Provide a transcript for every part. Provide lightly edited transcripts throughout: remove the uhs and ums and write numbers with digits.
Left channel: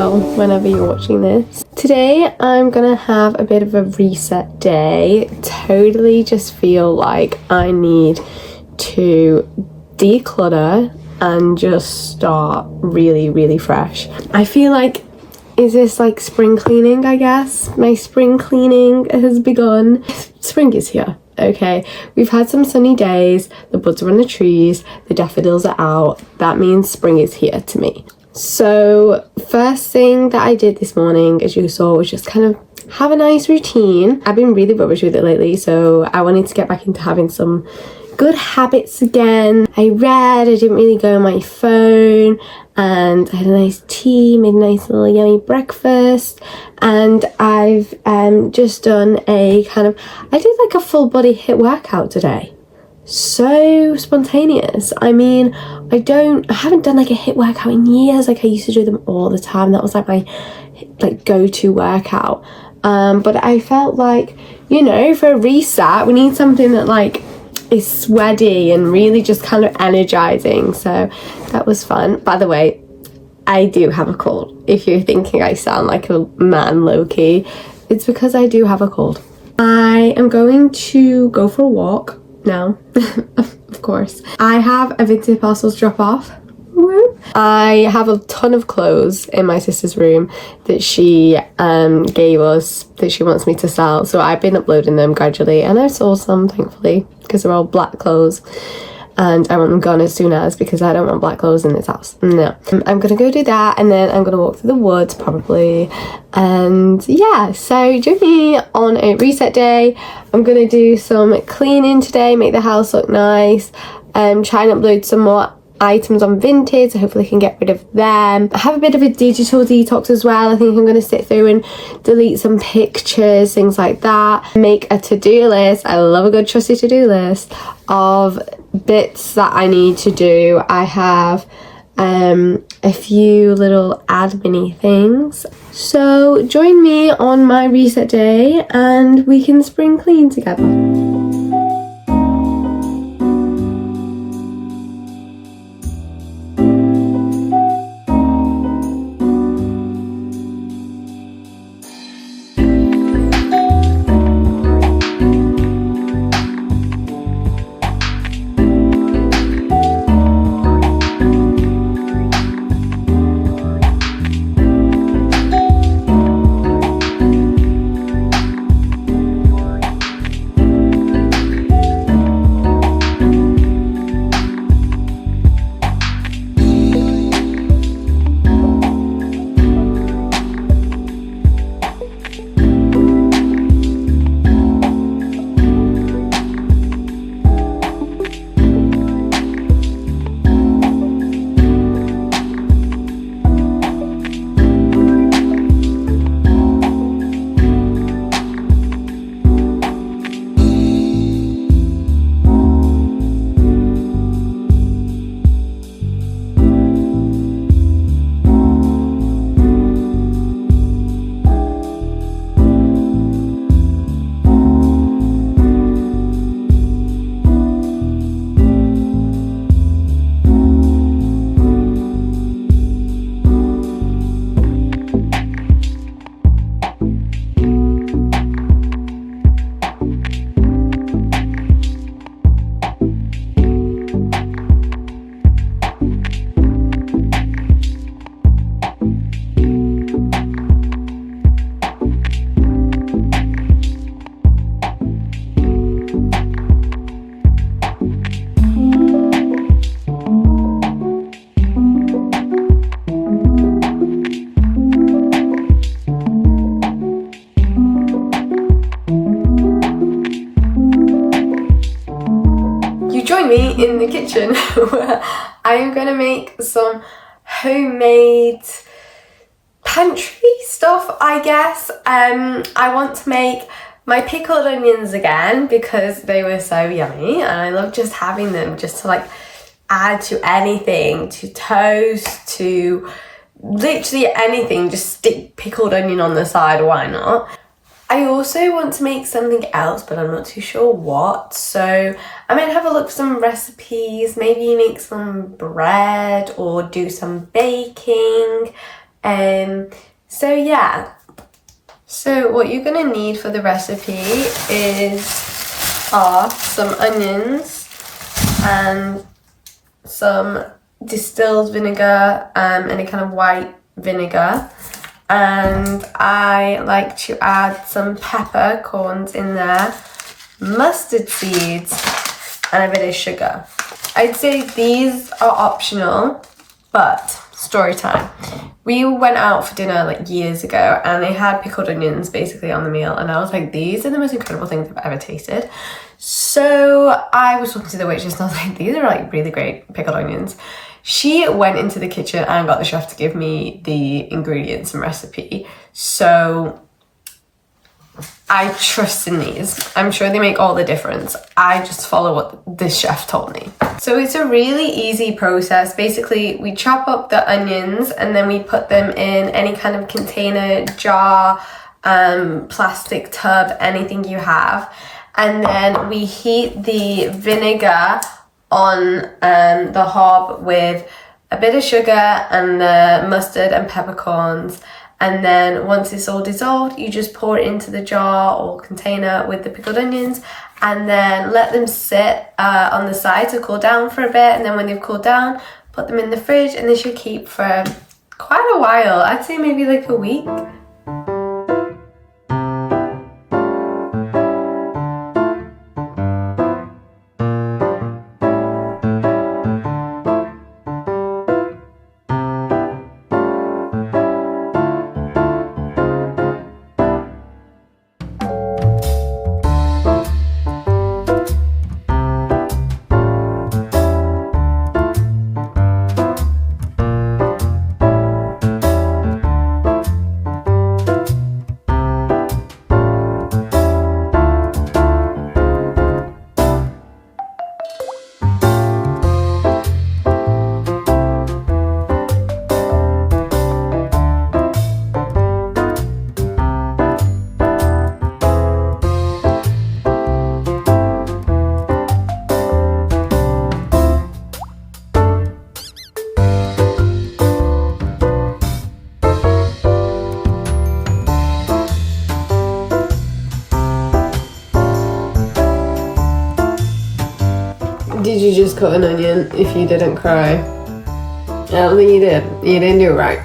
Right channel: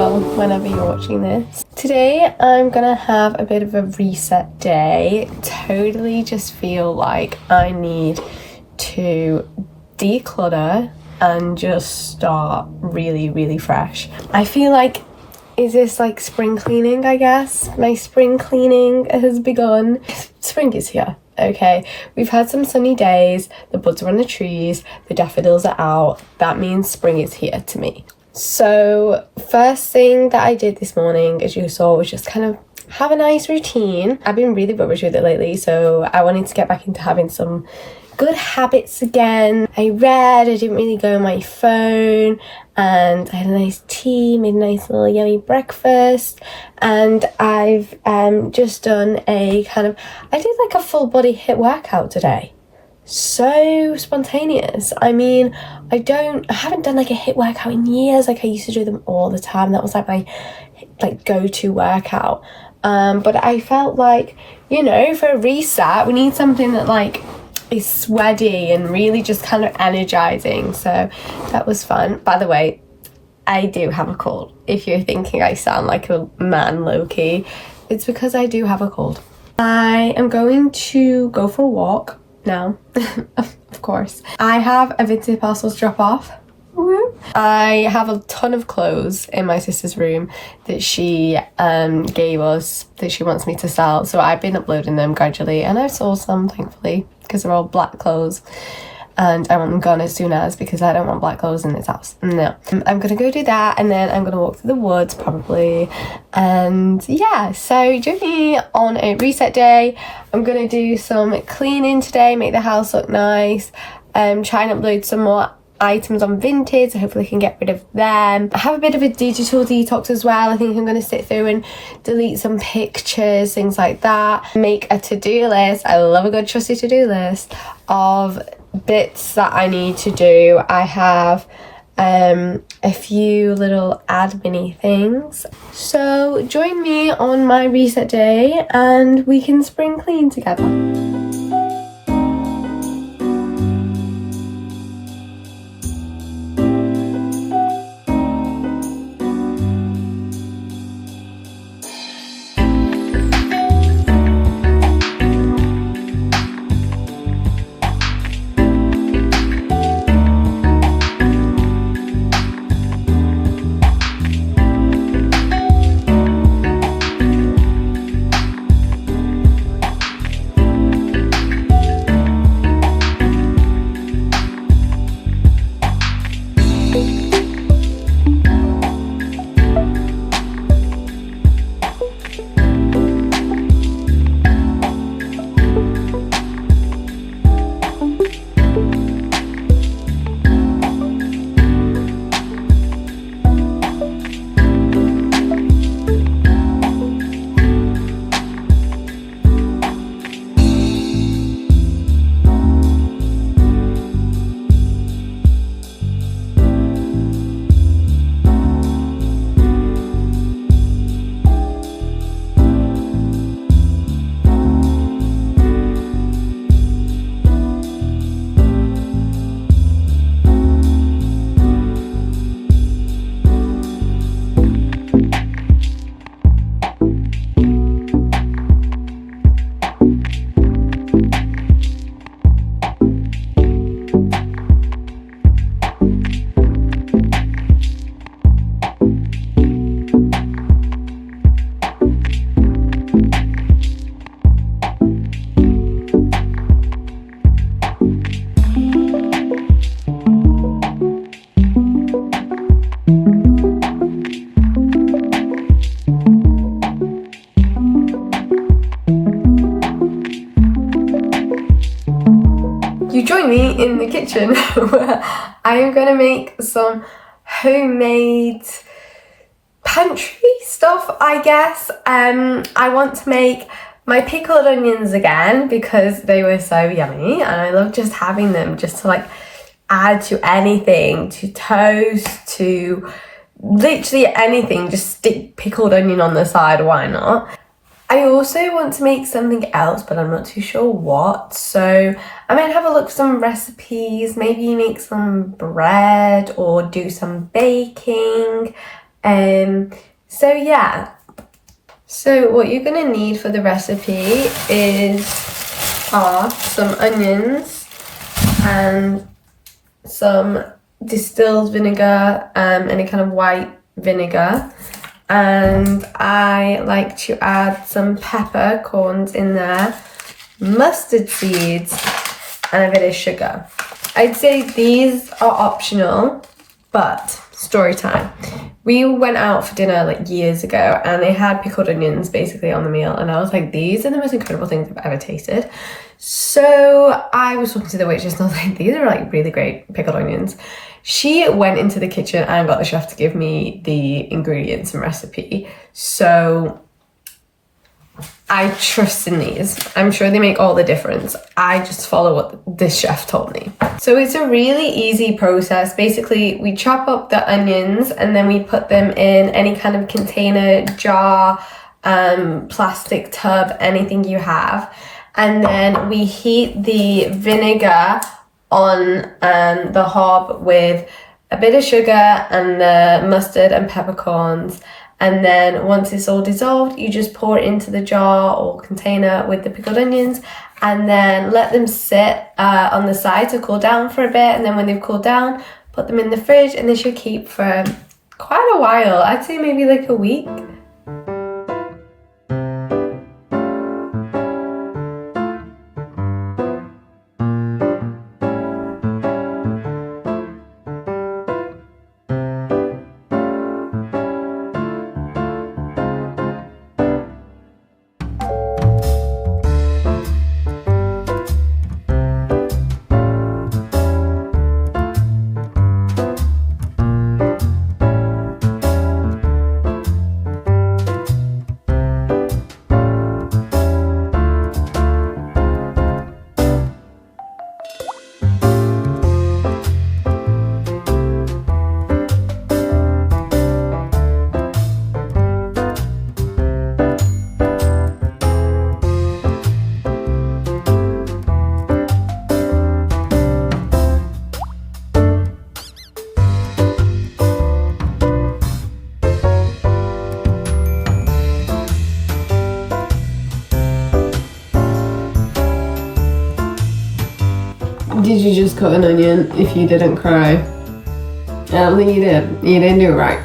well, whenever you're watching this. Today I'm gonna have a bit of a reset day. Totally just feel like I need to declutter and just start really fresh. I feel like, is this like spring cleaning, I guess? My spring cleaning has begun. Spring is here. Okay, we've had some sunny days, the buds are on the trees, the daffodils are out. That means spring is here to me. So first thing that I did this morning, as you saw, was just kind of have a nice routine. I've been really rubbish with it lately, so I wanted to get back into having some good habits again. I read, I didn't really go on my phone, and I had a nice tea, made a nice little yummy breakfast, and I've just done a kind of, I did like a full body HIIT workout today. So spontaneous. I mean, I haven't done like a HIIT workout in years. Like I used to do them all the time. That was like my go-to workout. But I felt like, you know, for a reset, we need something that like is sweaty and really just kind of energizing. So that was fun. By the way, I do have a cold. If you're thinking I sound like a man low-key, it's because I do have a cold. I am going to go for a walk now. Of course. I have a vintage parcels drop off. I have a ton of clothes in my sister's room that she gave us that she wants me to sell, so I've been uploading them gradually, and I've sold some, thankfully, because they're all black clothes and I want them gone as soon as, because I don't want black clothes in this house. No. I'm gonna go do that, and then I'm gonna walk through the woods probably, and yeah, so join me on a reset day. I'm gonna do some cleaning today, make the house look nice, try and upload some more items on Vinted, so hopefully I can get rid of them. I have a bit of a digital detox as well. I think I'm going to sit through and delete some pictures, things like that. Make a to-do list. I love a good trusty to-do list of bits that I need to do. I have a few little admin-y things. So join me on my reset day and we can spring clean together. Join me in the kitchen where I am going to make some homemade pantry stuff, I guess. I want to make my pickled onions again because they were so yummy and I love just having them just to like add to anything, to toast, to literally anything. Just stick pickled onion on the side, why not? I also want to make something else, but I'm not too sure what. So I might have a look for some recipes, maybe make some bread or do some baking. So yeah, so what you're gonna need for the recipe are some onions and some distilled vinegar, any kind of white vinegar, and I like to add some peppercorns in there, mustard seeds, and a bit of sugar. I'd say these are optional, but story time. We went out for dinner like years ago and they had pickled onions basically on the meal, and I was like, these are the most incredible things I've ever tasted. So I was talking to the waitress and I was like, these are like really great pickled onions. She went into the kitchen and got the chef to give me the ingredients and recipe. So I trust in these. I'm sure they make all the difference. I just follow what the chef told me. So it's a really easy process. Basically, we chop up the onions and then we put them in any kind of container, jar, plastic tub, anything you have. And then we heat the vinegar on the hob with a bit of sugar and the mustard and peppercorns. And then once it's all dissolved, you just pour it into the jar or container with the pickled onions and then let them sit on the side to cool down for a bit. And then when they've cooled down, put them in the fridge and they should keep for quite a while. I'd say maybe like a week. Did you just cut an onion if you didn't cry? I don't think you did. You didn't do it right.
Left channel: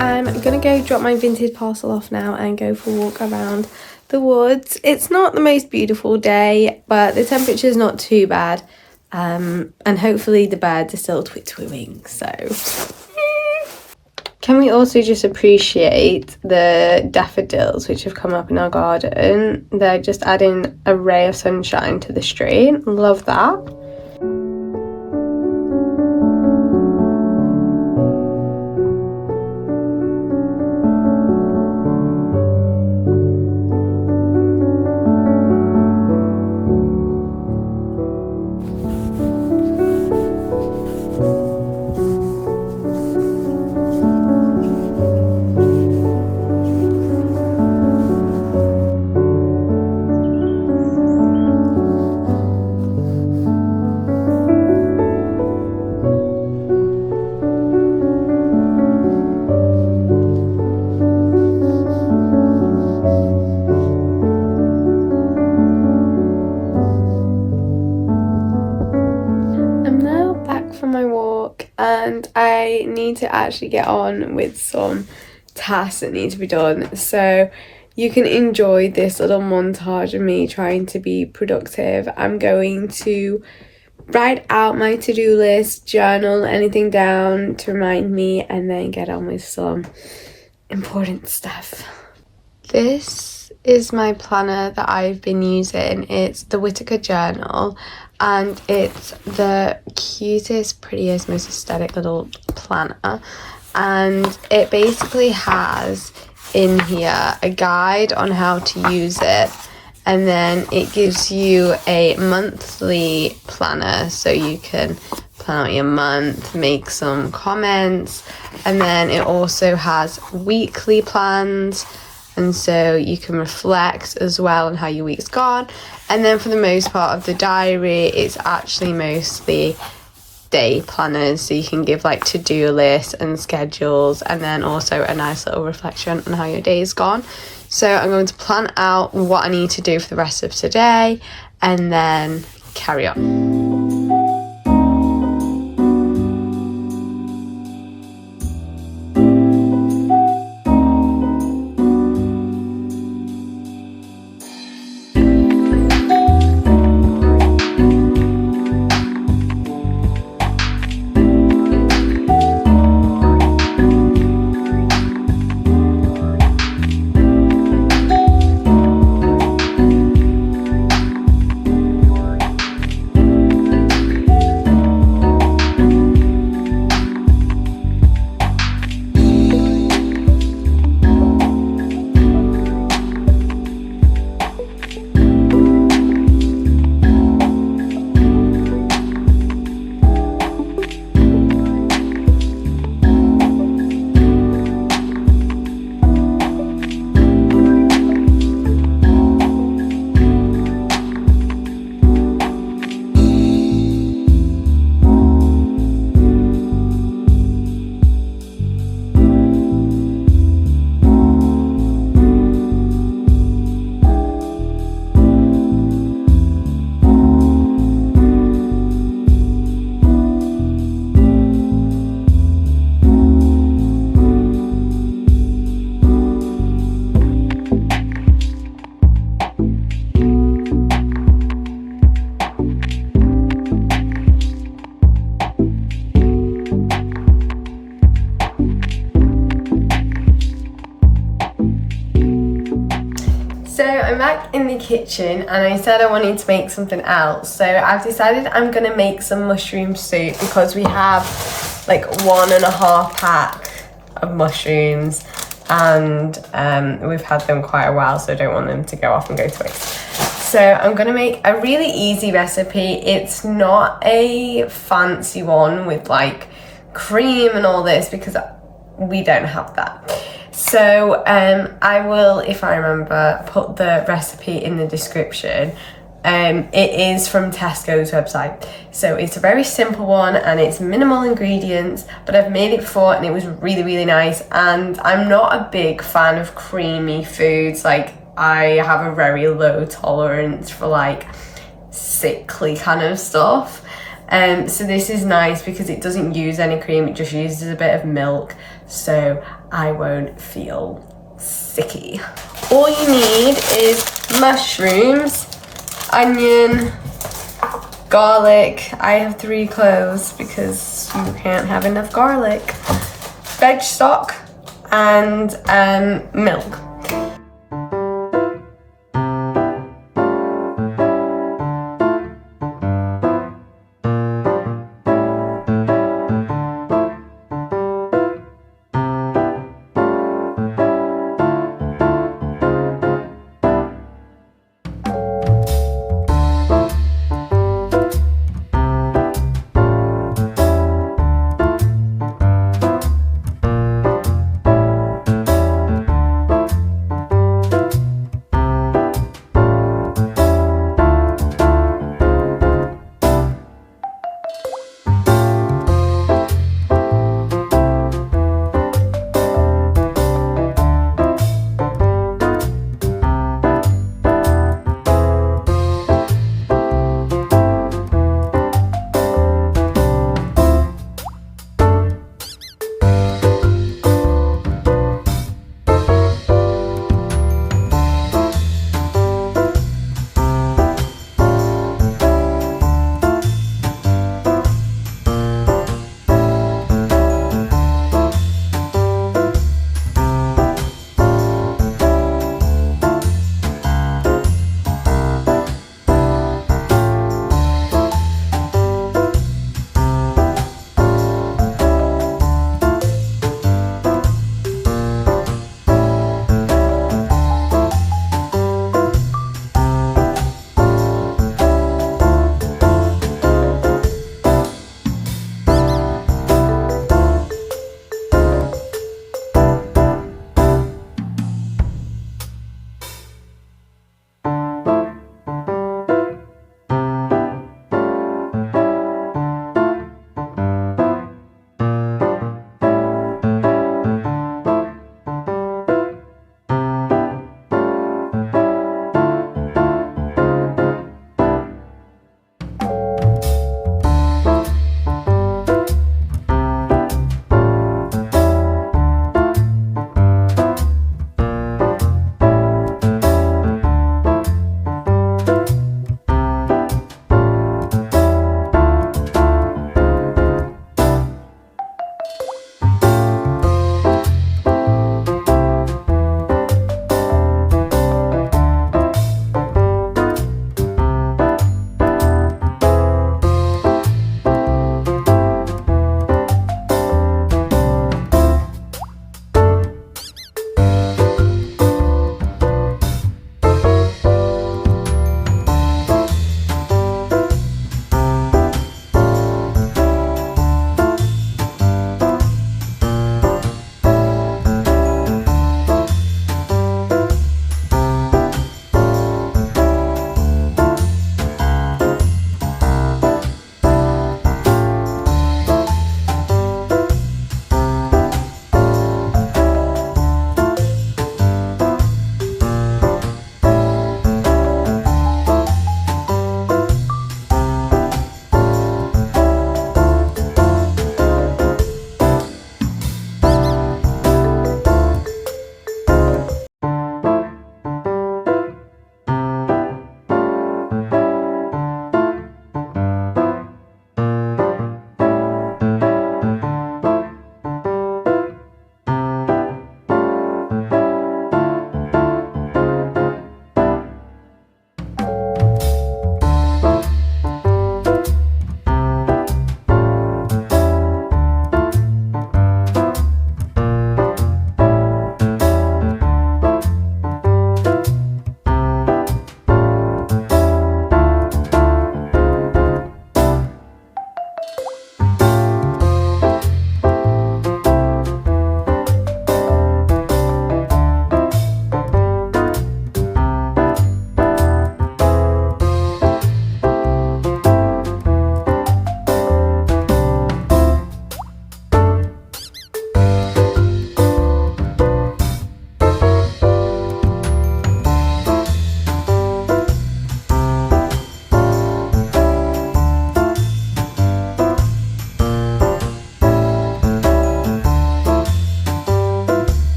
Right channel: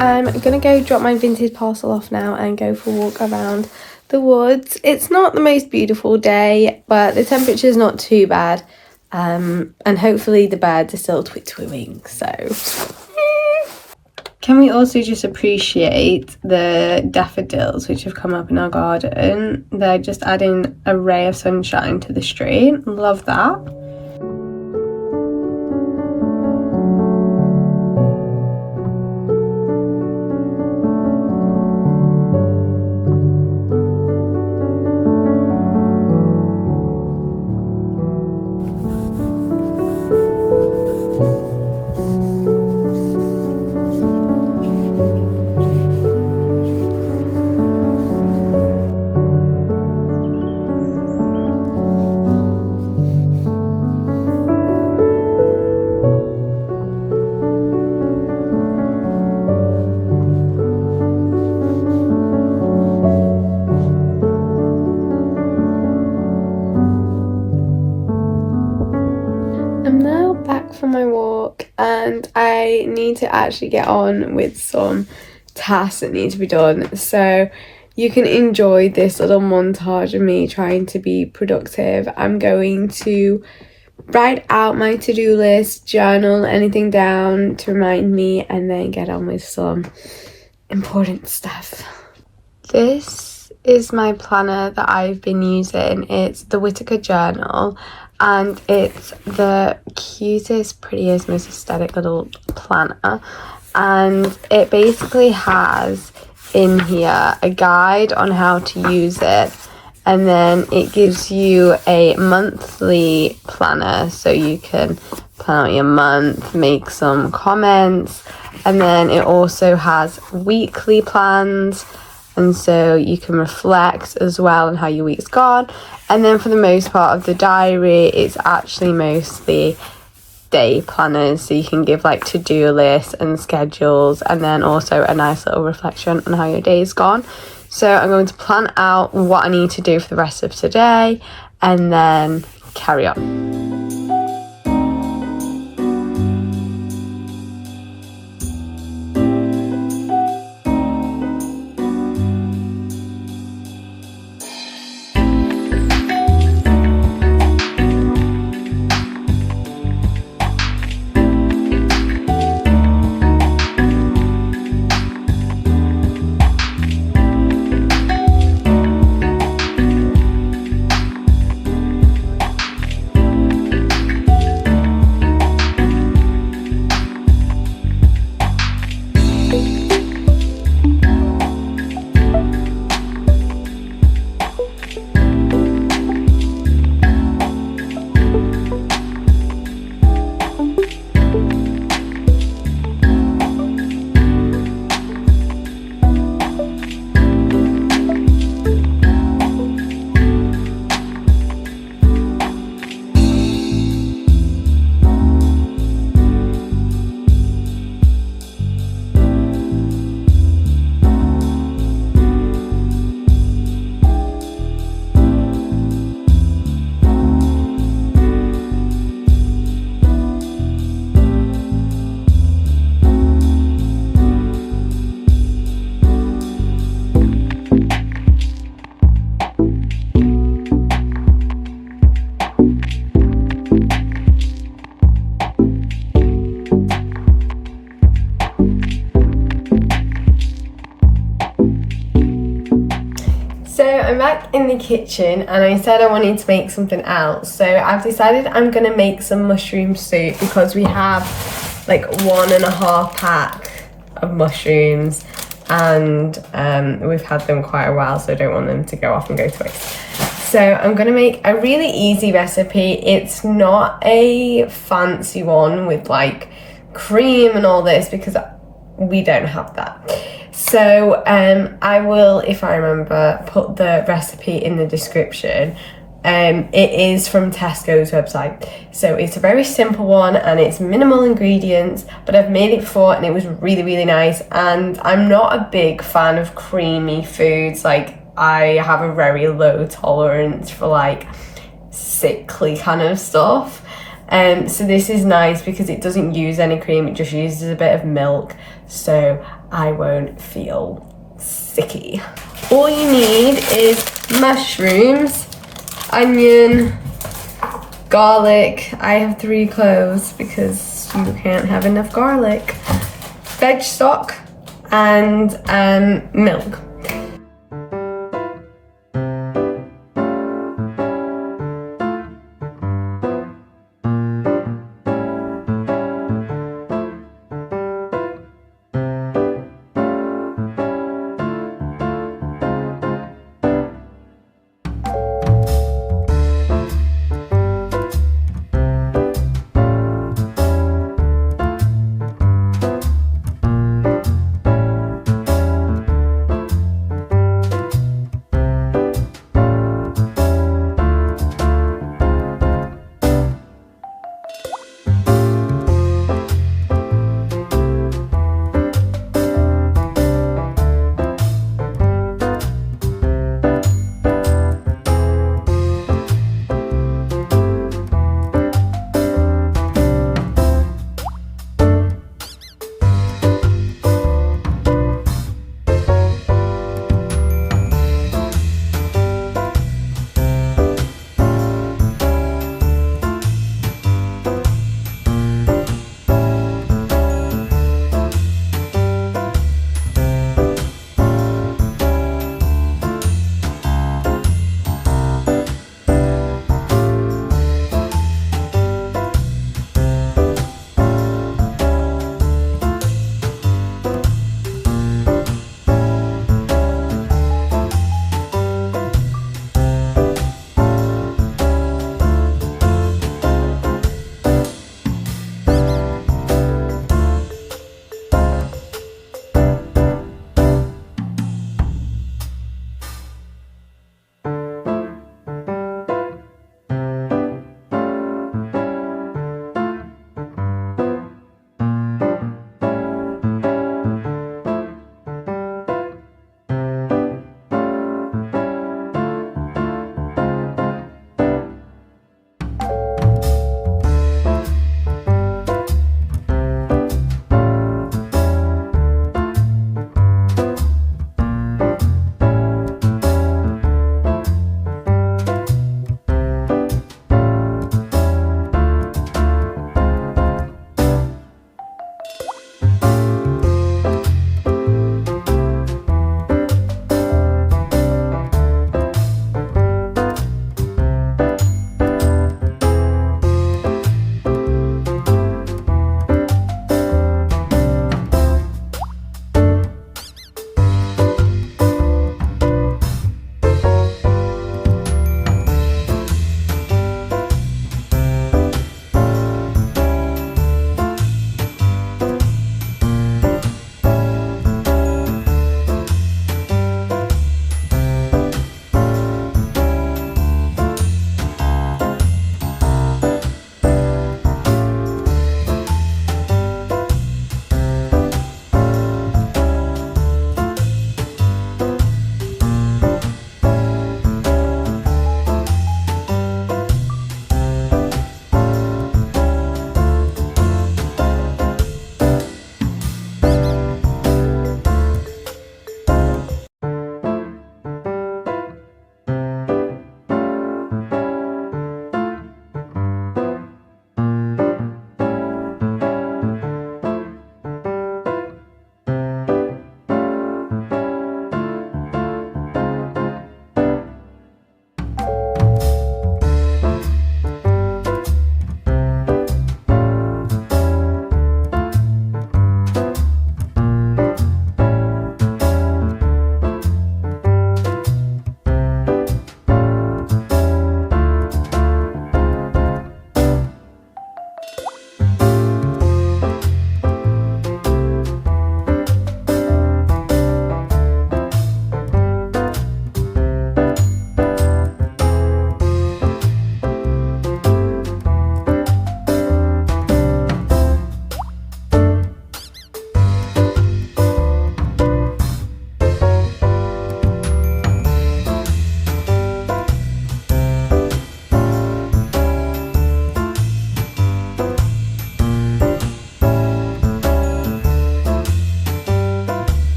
I'm gonna go drop my vintage parcel off now and go for a walk around the woods. It's not the most beautiful day, but the temperature's not too bad, and hopefully the birds are still twittering, so. Can we also just appreciate the daffodils which have come up in our garden? They're just adding a ray of sunshine to the street. Love that. I need to actually get on with some tasks that need to be done. So you can enjoy this little montage of me trying to be productive. I'm going to write out my to-do list, journal anything down to remind me, and then get on with some important stuff. This is my planner that I've been using. It's the Whitaker Journal, and it's the cutest, prettiest, most aesthetic little planner. And it basically has in here a guide on how to use it, and then it gives you a monthly planner so you can plan out your month, make some comments, and then it also has weekly plans, and so you can reflect as well on how your week's gone. And then for the most part of the diary, it's actually mostly day planners, so you can give like to-do lists and schedules, and then also a nice little reflection on how your day's gone. So I'm going to plan out what I need to do for the rest of today and then carry on. So I'm back in the kitchen and I said I wanted to make something else. So I've decided I'm gonna make some mushroom soup because we have like 1.5 pack of mushrooms and we've had them quite a while, so I don't want them to go off and go to waste. So I'm gonna make a really easy recipe. It's not a fancy one with like cream and all this because we don't have that. So I will, if I remember, put the recipe in the description. It is from Tesco's website. So it's a very simple one and it's minimal ingredients, but I've made it before and it was really, really nice. And I'm not a big fan of creamy foods. Like I have a very low tolerance for like sickly kind of stuff. So this is nice because it doesn't use any cream, it just uses a bit of milk, so I won't feel sicky. All you need is mushrooms, onion, garlic. I have 3 cloves because you can't have enough garlic, veg stock, and milk.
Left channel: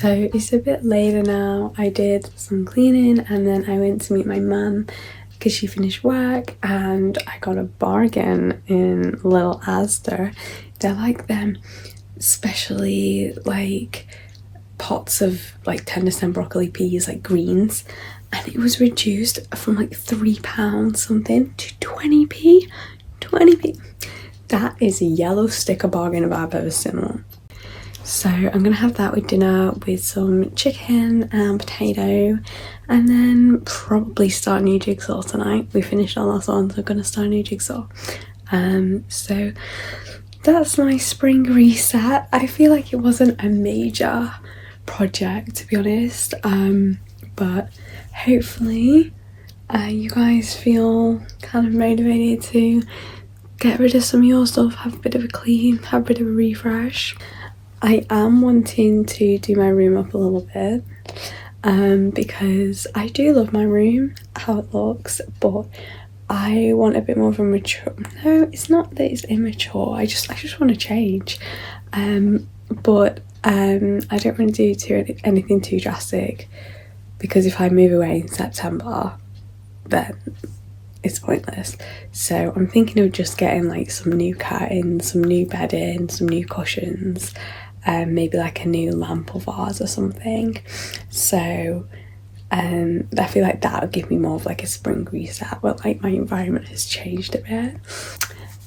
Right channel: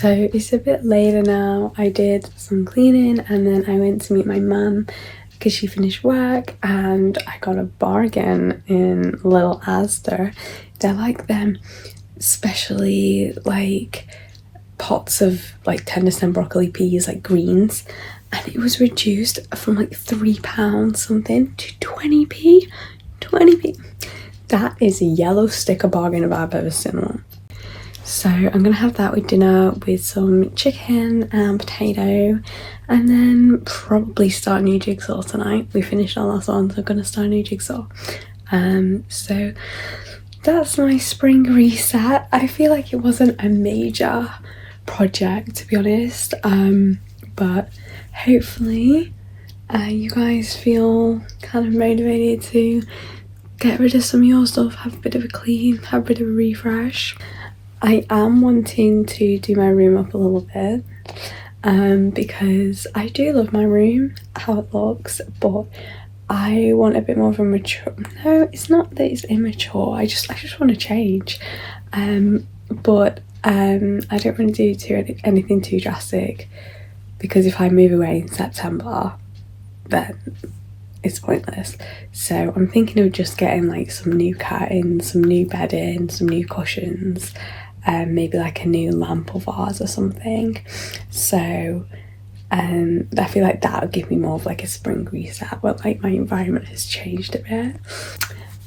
So it's a bit later now. I did some cleaning and then I went to meet my mum because she finished work, and I got a bargain in Little Asda. They're like them specially like pots of like 10% broccoli peas, like greens, and it was reduced from like £3 something to 20p. 20p. That is a yellow sticker bargain if I've ever seen one. So I'm gonna have that with dinner with some chicken and potato, and then probably start a new jigsaw tonight. We finished our last one, so I'm gonna start a new jigsaw. So that's my spring reset. I feel like it wasn't a major project, to be honest, but hopefully you guys feel kind of motivated to get rid of some of your stuff, have a bit of a clean, have a bit of a refresh. I am wanting to do my room up a little bit, because I do love my room, how it looks, but I want a bit more of a mature, no, it's not that it's immature, I just want to change, but I don't want to do anything too drastic, because if I move away in September, then it's pointless. So I'm thinking of just getting like some new curtains, some new bedding, some new cushions, maybe like a new lamp or vase or something. So I feel like that would give me more of like a spring reset, but like my environment has changed a bit.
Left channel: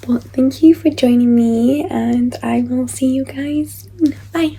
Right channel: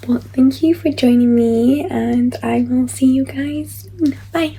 But thank you for joining me, and I will see you guys soon. Bye.